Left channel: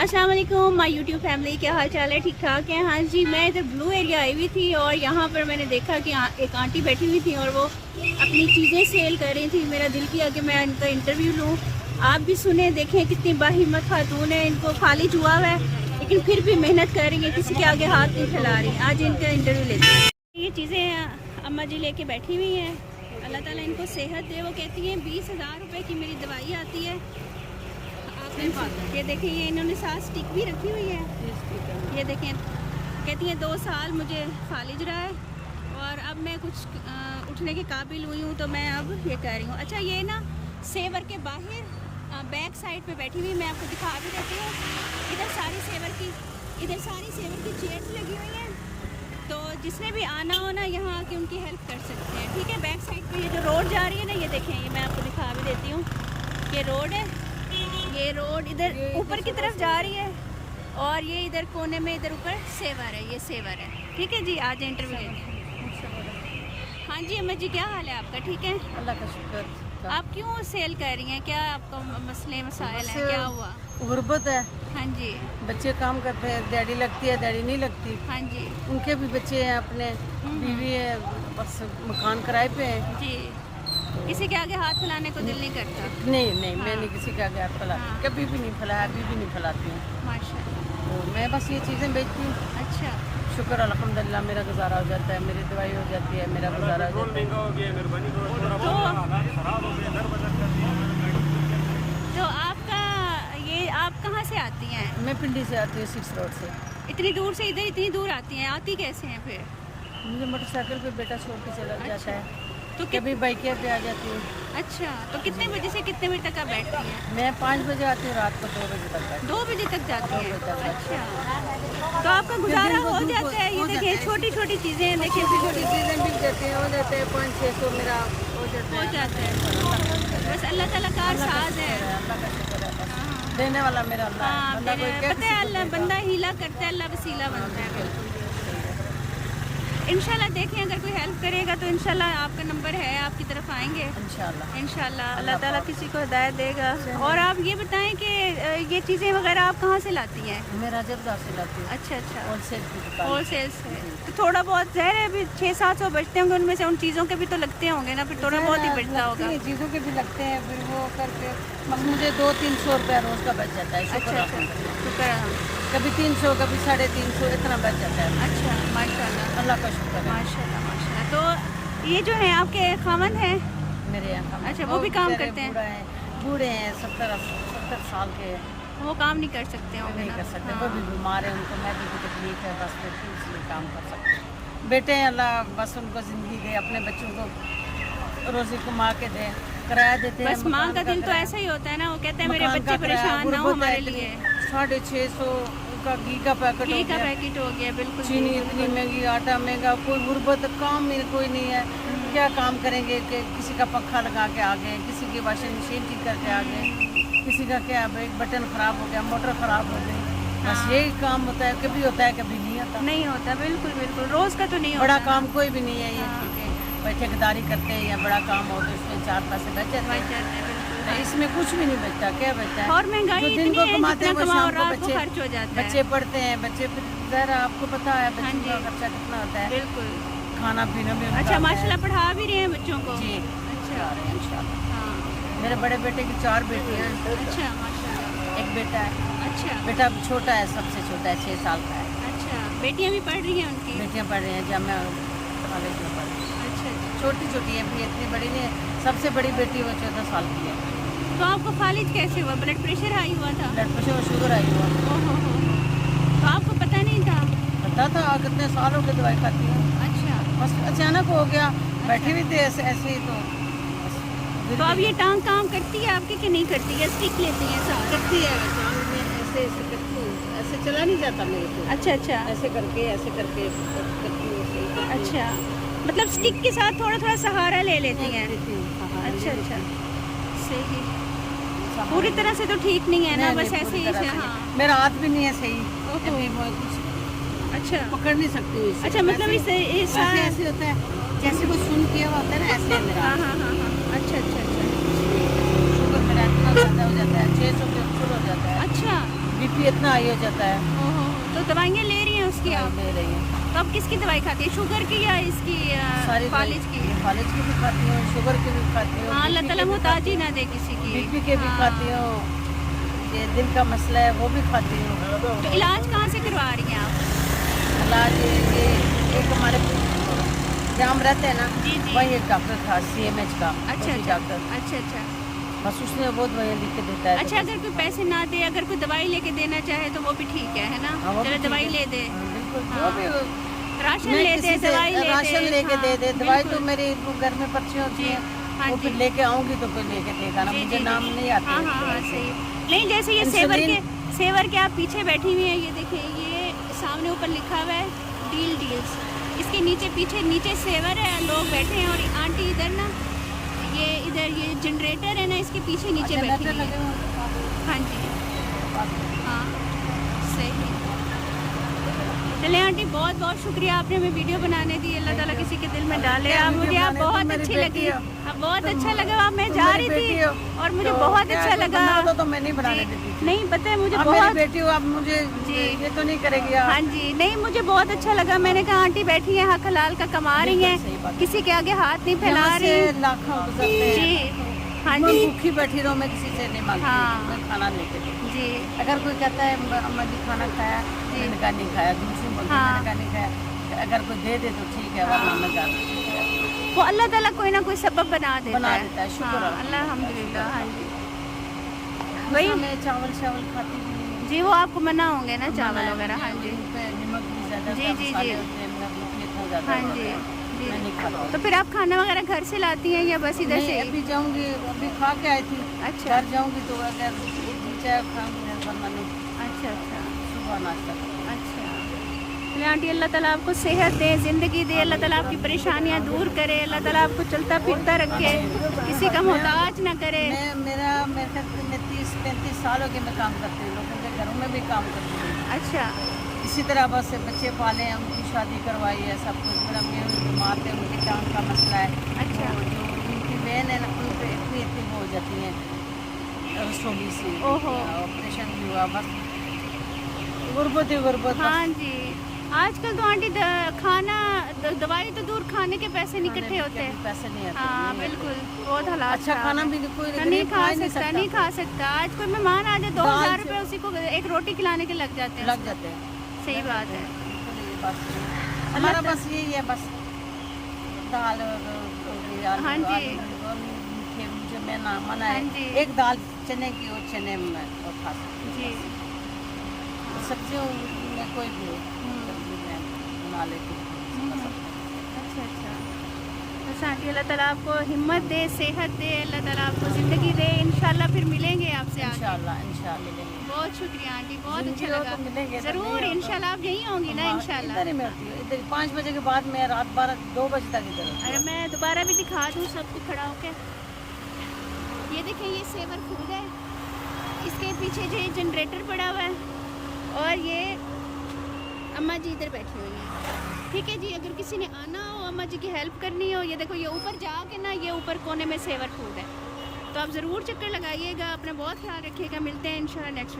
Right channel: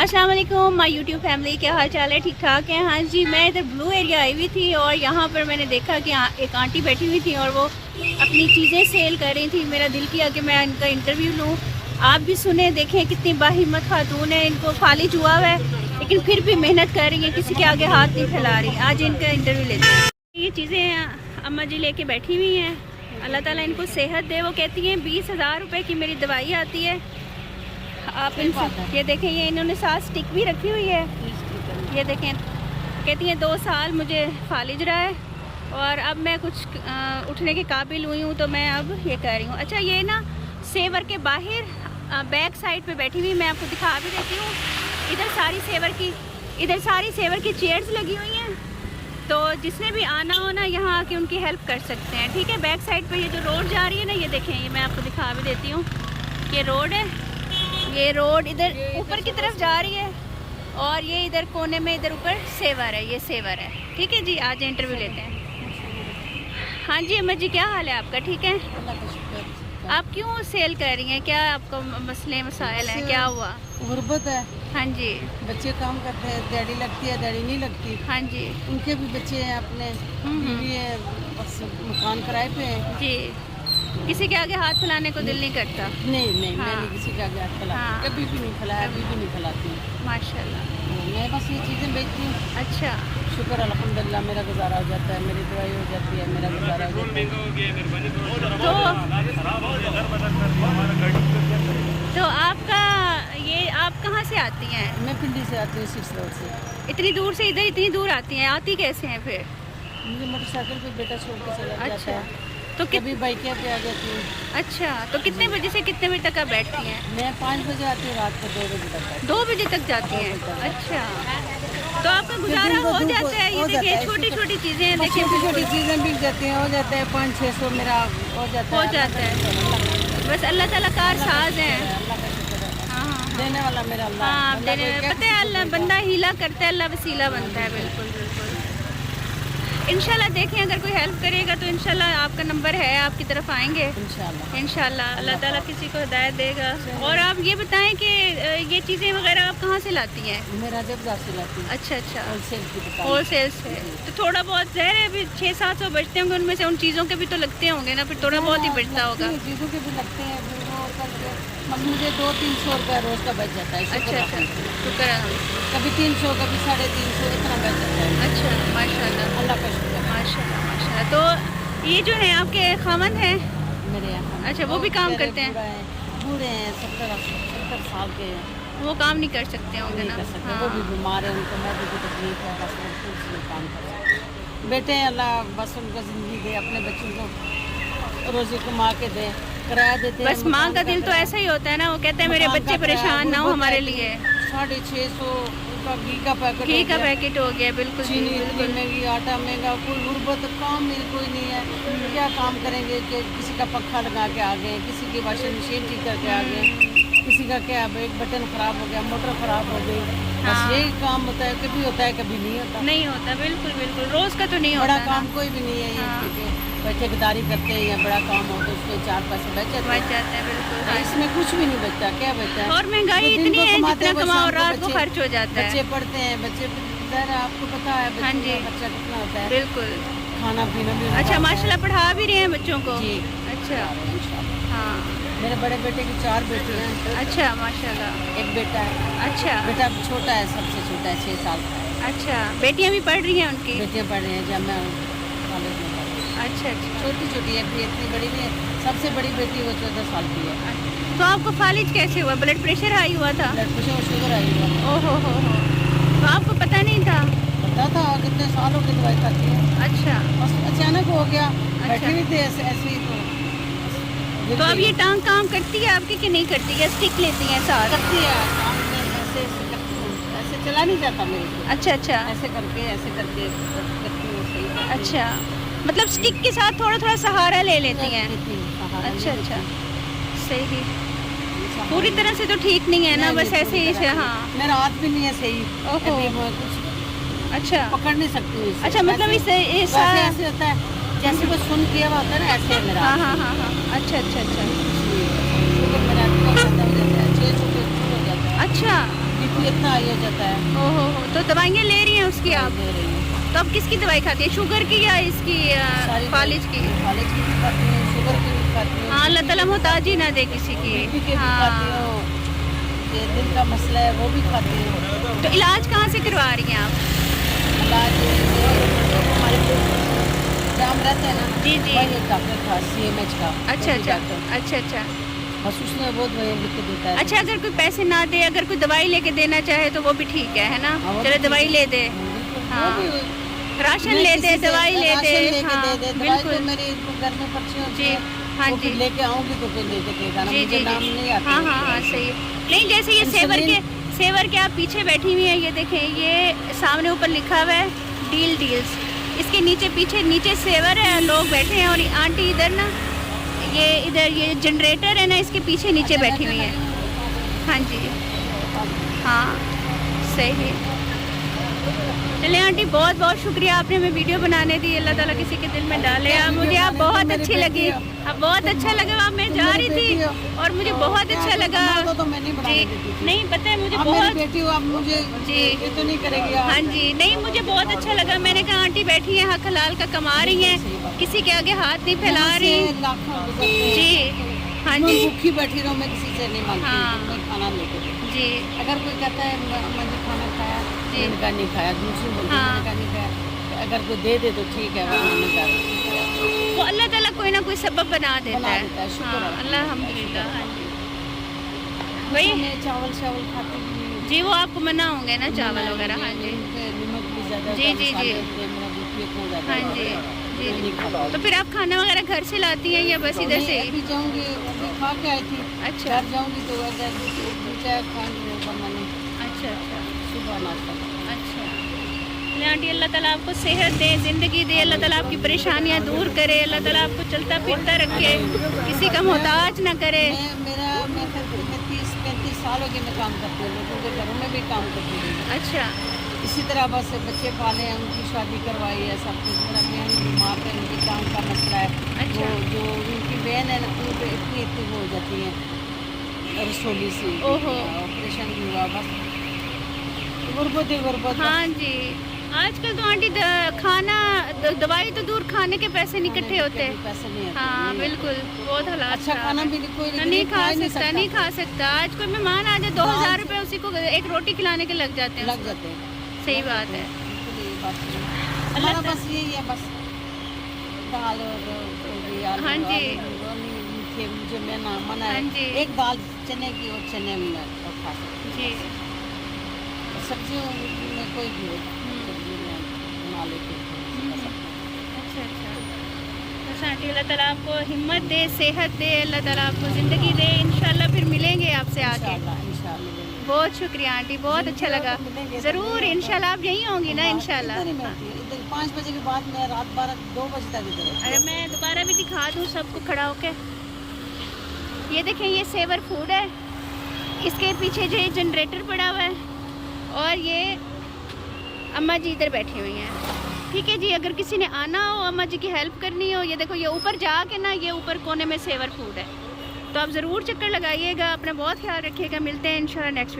अस्सलाम वालेकुम my YouTube family, क्या हाल चाल है? ठीक ठाक है? हाँ जी, मैं इधर ब्लू एरिया आई हुई थी और यहाँ पर मैंने देखा कि एक आंटी बैठी हुई थी और वो अपनी चीज़ें सेल कर रही थी। मेरा दिल किया कि मैं इनका इंटरव्यू लूँ। आप भी सुने, देखें कितनी बाहिम्मत खातून है। इनको फालिज हुआ है लेकिन फिर भी मेहनत कर रही है, किसी के आगे हाथ नहीं फैला रही। आज इनका इंटरव्यू लेते हैं। ये चीज़ें अम्मा जी लेके बैठी हुई हैं। अल्लाह ताला इनको सेहत दे। वो कहती हैं 20,000 रुपये की मेरी दवाई आती है। आप इनसे ये देखें, ये इन्होंने साथ स्टिक भी रखी हुई है। ये देखें, कहती हैं 2 साल मुझे फालिज रहा है और अब मैं कुछ उठने के काबिल हुई हूँ, तो मैं अब ये कर रही हूँ। अच्छा, ये ना सेवर के बाहर बैक साइड पे बैठी हुई, मैं आपको दिखा भी देती हूँ। इधर सारी सेवर की चेयर्स लगी हुई हैं, तो जिसने भी आना हो ना यहाँ आके उनकी हेल्प कर सकते हैं। ठीक है, बैक साइड पे ये जो रोड जा रही है ना, ये देखें, ये मैं आपको दिखा भी देती हूँ। ये रोड है, ये रोड इधर ऊपर की तरफ जा रही है और ये इधर कोने में इधर ऊपर सेवर है, ये सेवर है। ठीक है जी, आज इंटरव्यू लेते हैं। हाँ जी अम्मा जी, क्या हाल है आपका? ठीक है, अल्लाह का शुक्र। आप क्यों सेल कर रही हैं? क्या आपको मसले मसाइल हैं? क्या हुआ? गुर्बत है। हाँ जी। बच्चे काम करते हैं, डैडी लगती है, डैडी नहीं लगती। हाँ जी। उनके भी बच्चे हैं, अपने बीवी है, बस मकान किराए पे हैं जी। किसी के आगे हाथ फैलाने को दिल नहीं करता? नहीं, हाँ। मैं नहीं किसी के आगे हाथ फैलाती। हाँ। कभी भी नहीं फैलाया, अभी भी नहीं फैलाती हूँ। माशाल्लाह। तो मैं बस ये चीज़ें बेचती हूँ। अच्छा। शुक्र अल्हम्दुलिल्लाह, मेरा गुजारा हो जाता है, मेरी दवाई हो जाती है, मेरा गुजारा हो जाता है। तो आपका ये, आप कहाँ से आती हैं? मैं पिंडी से आती हूँ, 6 रोड से। इतनी दूर से इधर इतनी दूर आती हैं? आती कैसे हैं फिर? मुझे मोटरसाइकिल पे बेटा छोड़ के चला जाता अच्छा, है, तो कभी बाइकिया पे आ जाती हूँ। अच्छा, तो कितने बजे से कितने बजे तक आप बैठती हैं? मैं 5 बजे आती हूँ, रात को 2 बजे तक बैठती 2 बजे तक जाती 2 हैं? बजे तक। अच्छा, तो आपका गुजारा हो जाता है? ये देखिए, छोटी छोटी चीज़ें हैं, देखिए बिल्कुल चीज़ें बिक जाती हैं, हो जाता है 500-600 मेरा हो जाता है। अल्लाह का शुक्र है। बस अल्लाह ताला कार साज है। अल्लाह का शुक्र है, बस हाँ हाँ हाँ। देने वाला मेरा अल्लाह है। हाँ, बंदा कोई क्या पता है, अल्लाह बंदा हीला करता है, अल्लाह वसीला बनता है। बिल्कुल बिल्कुल। इंशाल्लाह देखें, अगर कोई हेल्प करेगा तो इंशाल्लाह आपका नंबर है, आपकी तरफ आएंगे इंशाल्लाह। अल्लाह ताला किसी को हिदायत देगा। और आप ये बताएं कि ये चीज़ें वगैरह आप कहाँ से लाती हैं? मैं राजबाजार से लाती हूँ। अच्छा अच्छा, होलसेल की दुकान। होलसेल से। तो थोड़ा बहुत ज़हर है, अभी 600-700 बचते होंगे, उनमें से उन चीज़ों के भी तो लगते होंगे ना, फिर थोड़ा बहुत ही बचता होगा। चीज़ों के भी लगते हैं, फिर वो करके मुझे 200-300 रुपया रोज़ का बच जाता है। अच्छा अच्छा, शुक्र है। कभी 300, कभी 350, इतना बच जाता है। अच्छा, माशाल्लाह, अल्लाह का शुक्र है। माशाल्लाह माशाल्लाह। तो ये जो है आपके खामन हैं? मेरे यहाँ। अच्छा, वो भी काम करते हैं? बूढ़े हैं, 70 साल के हैं। वो काम नहीं कर सकते होंगे नहीं ना? कर सकते। हाँ। वो भी बीमार है, उनको मैदे की तकलीफ है, बस वो उसमें काम कर सकते हैं। बेटे हैं, अल्लाह बस उनको ज़िंदगी दे, अपने बच्चों को रोज़ी कमा के दे, किराया देते हैं। बस माँ का दिल तो ऐसा ही होता है ना, वो कहते हैं मेरे बच्चे परेशान ना हो हमारे लिए। 650 का घी का पैकेट घी का पैकेट हो गया, बिल्कुल चीनी इतनी महंगी, आटा महंगा, कोई गुर्बत, काम मिल कोई नहीं है। क्या काम करेंगे कि किसी का पंखा लगा के आ गए, किसी की वॉशिंग मशीन ठीक करके आ गए, किसी का क्या एक बटन खराब हो गया, मोटर खराब हो गई। बस हाँ। यही काम होता है, कभी होता है कभी नहीं होता। नहीं होता, बिल्कुल बिल्कुल, रोज का तो नहीं होता। बड़ा काम कोई भी नहीं है ये, हाँ। क्योंकि ठेकेदारी करते हैं या बड़ा काम हो तो उसमें 4 पैसे बच जाते हैं। बिल्कुल। तो इसमें कुछ भी नहीं बचता, क्या बचता है? और महंगाई जो दिन इतनी को है, कमाते हैं जितना वो कमाओ शाम को रात को खर्च हो जाता है। बच्चे पढ़ते हैं, बच्चे ज़रा आपको पता है हाँ बच्चों जी। का खर्चा कितना होता है, बिल्कुल। खाना पीना भी उनका अच्छा, होता है। माशाल्लाह पढ़ा भी रहे हैं बच्चों को? जी, अच्छा, आ रहे हैं इंशाल्लाह। हाँ। मेरे बड़े बेटे की 4 बेटियां हैं। अच्छा, माशाल्लाह। एक बेटा है। अच्छा बेटा छोटा है, सबसे छोटा है, 6 साल का है। अच्छा, बेटियां भी पढ़ रही हैं उनकी? बेटियां पढ़ रही हैं, जामिया कॉलेज में पढ़ रही हैं। अच्छा अच्छा। छोटी छोटी है, भी इतनी बड़ी नहीं है। सबसे बड़ी बेटी वो 14 साल की है। तो आपको फालिज कैसे हुआ? ब्लड प्रेशर हाई हुआ था? ब्लड प्रेशर और शुगर आई हुआ। ओहो हो, तो आपको पता नहीं था? पता था, कितने सालों की दवाई खाती है। अच्छा, बस अचानक हो गया, बैठी हुई थी ऐसे ऐसे ही, तो बस गिर तो अब गई। ये टांग काम करती है आपकी कि नहीं करती है? स्टिक लेती हैं साथ? करती है, टांग में ऐसे ऐसे करती हूँ, ऐसे चला नहीं जाता मेरे को। अच्छा अच्छा ऐसे करके करती हूँ, सही करती हूँ। अच्छा, मतलब स्टिक के साथ थोड़ा थोड़ा सहारा ले लेती हैं? लेती हूँ, सहारा अच्छा ले अच्छा, लेती हूँ। सही। सहारा पूरी तरह से तो ठीक नहीं है ना, नहीं, बस नहीं, ऐसे पूरी ही तरह से? से हाँ। नहीं। मेरा हाथ भी नहीं है सही, ओहो। अभी मैं कुछ अच्छा पकड़ नहीं सकती हूँ इसे। अच्छा, मतलब वैसे ऐसे होता है जैसे वो सुन किया हुआ होता है ना, ऐसे है मेरा हाँ हाथ। हाँ हाँ हाँ, अच्छा अच्छा अच्छा शुगर मेरा इतना ज़्यादा हो जाता है, 600 के ऊपर हो जाता है। अच्छा। बीपी इतना हाई हो जाता है। ओहो हो, तो दवाइयाँ ले रही हैं उसकी आप? ले रही हूँ। तो अब किसकी दवाई खाती है, शुगर की या इसकी फालिज की? फालिज की भी खाती हूँ, शुगर की भी खाती हूँ। हाँ, अल्लाह ताला मोहताज ही ना दे किसी की। बीपी के भी खाती हूँ, ये दिल का मसला है वो भी खाती हूँ। तो इलाज कहाँ से करवा रही हैं आप? इलाज ये एक हमारे जाम रहते हैं ना, जी जी। वही एक डॉक्टर था CMH का। अच्छा वही अच्छा डॉक्टर, अच्छा अच्छा बस उसने बहुत दवाइयाँ लिख के देता है। अच्छा। अगर कोई पैसे ना दे, अगर कोई दवाई लेके देना चाहे तो वो भी ठीक है ना? हाँ, वो चलो भी दवाई ठीक ले है। दे, हाँ, बिल्कुल। हाँ। जो भी राशन मैं ले किसी दे, से दवाई ले राशन दे, लेके हाँ, दे दे। दवाई तो बिल्कुल। मेरी वो घर में पर्ची होती जी, है, हाँ वो जी। फिर लेके आऊंगी तो कोई लेके देगा ना, जी, मुझे जी, नाम जी। नहीं आता। हाँ हाँ हाँ, सही है। नहीं, जैसे ये सेवर के आप पीछे बैठी हुई हैं, ये देखें, ये सामने ऊपर लिखा हुआ है डील्स। इसके नीचे पीछे नीचे सेवर है, लोग बैठे हैं, और आंटी इधर ना, ये इधर ये जनरेटर है ना, इसके पीछे नीचे अच्छा, बैठी हुई है। हाँ जी, हाँ, सही है। चले आंटी, बहुत बहुत शुक्रिया, आपने हमें वीडियो बनाने दी। अल्लाह ताला किसी के दिल में डाले। आप मुझे आप बहुत अच्छी लगी, आप बहुत अच्छा लगा। आप मैं जा रही थी और मुझे बहुत अच्छा लगा। तो मैं नहीं बनाने जी, देती थी। नहीं पता है मुझे अब मेरी बहुत। बेटी हो, अब मुझे जी। ये तो नहीं करेगी आप। हाँ जी, नहीं मुझे बहुत अच्छा लगा। मैंने कहा आंटी बैठी हैं, हक हलाल का कमा रही सही बात हैं, है। किसी के आगे हाथ नहीं फैला यहाँ रही। से लाखों गुजरते हैं। जी, हाँ मैं जी, भूखी बैठी रहूं, मैं किसी से नहीं मांगती हाँ। हूँ, मैं खाना लेके दे। जी अगर कोई कहता है अम्मा जी खाना खाया, मैंने कहा नहीं खाया, दूसरी बोलती हाँ। मैंने कहा नहीं खाया। अगर कोई दे दे तो ठीक है, वरना मैं जा रही वो अल्लाह ताला कोई ना कोई सबब बना देता बना है। देता है, शुक्र हाँ, है, अल्हम्दुलिल्लाह। हाँ जी, वही वही। मैं चावल खाती भी नहीं हूँ। जी, वो आपको मना होंगे ना चावल मना वगैरह? हाँ जी, उन पे नमक भी ज्यादा जी, होता है, जी, मसाले जी। होते हैं, मेरा बीपी इतना ज्यादा हाँ होता जी, है, जी, मैं जी। नहीं खाती। तो फिर आप खाना वगैरह घर से लाती हैं या बस इधर नहीं, से? अभी जाऊंगी, अभी खा के आई थी। अच्छा घर जाऊंगी तो अगर जी चाय खाऊंगी, वरना नहीं। अच्छा अच्छा सुबह नाश्ता करूंगी। अच्छा। चलिए आंटी, अल्लाह ताला आपको सेहत दे, ज़िंदगी दे, अल्लाह ताला आपकी परेशानियाँ दूर करे, अल्लाह ताला आपको चलता फिरता रखे, किसी का मोहताज ना करे। मेरे ख्याल से मैं 30-35 साल हो गए मैं काम करती हूँ, लोगों के घरों में भी काम करती रही हूँ। अच्छा इसी तरह बस बच्चे पाले हैं, उनकी शादी करवाई है, सब कुछ। मेरा बहन बीमार थे, उनकी टांग का मसला है। अच्छा। वो जो उनकी बहन है ना, उन पर इतनी वो हो जाती है रसोली सी, ओहो। ऑपरेशन भी हुआ। बस गुर्बत ही गुर्बत। हाँ जी, आजकल तो आंटी खाना दवाई तो दूर, खाने के पैसे नहीं इकट्ठे होते। पैसे नहीं आते। हाँ नहीं आते। बिल्कुल, बहुत हालात अच्छा खराब खाना है। भी कोई नहीं गरीब खा खा ही सकता, नहीं खा सकता। आज कोई मेहमान आ जाए, 2000 रुपए उसी को एक रोटी खिलाने के लग जाते हैं। लग जाते हैं। सही लग बात जाते है। हैं। बिल्कुल ये बात सही है। हमारा बस यही है, बस दाल हो गई, आलू हाँ जी। आलू वो नहीं मीठे, मुझे मैं ना मना हाँ है। जी। एक दाल चने की, वो चने में वो खा सकती जी। हूँ। हाँ। सब्जियों में कोई भी हो, हम्म। सब्जी में बना लेती हूँ, खा सकता हूँ। अच्छा अच्छा। तो आंटी, अल्लाह ताला आपको हिम्मत दे, सेहत दे, अल्लाह ताला आपको ज़िंदगी दे। इंशाल्लाह फिर मिलेंगे आपसे आगे। इंशाल्लाह मिलेंगे। बहुत शुक्रिया आंटी, बहुत अच्छा जिंदगी हो लगा। तो मिलेंगे, तो ज़रूर, नहीं हो तो- इंशाल्लाह आप यहीं होंगी ना? हाँ, इंशाल्लाह। इधर ही मैं होती हूँ। इधर 5 बजे के बाद मैं रात 2 बजे तक इधर होती अरे हूँ। मैं दोबारा भी दिखा दूँ सबको खड़ा होके। ये देखें, ये सेवर फूड है, इसके पीछे जो जनरेटर पड़ा हुआ है, और ये अम्मा जी इधर बैठी हुई हैं। ठीक है जी, अगर किसी ने आना हो, अम्मा जी की हेल्प करनी हो, ये देखो, ये ऊपर जाके ना, ये ऊपर कोने में सेवर फूड है, तो आप ज़रूर चक्कर लगाइएगा। अपना बहुत ख्याल रखिएगा। मिलते हैं इंशाल्लाह नेक्स्ट वीडियो।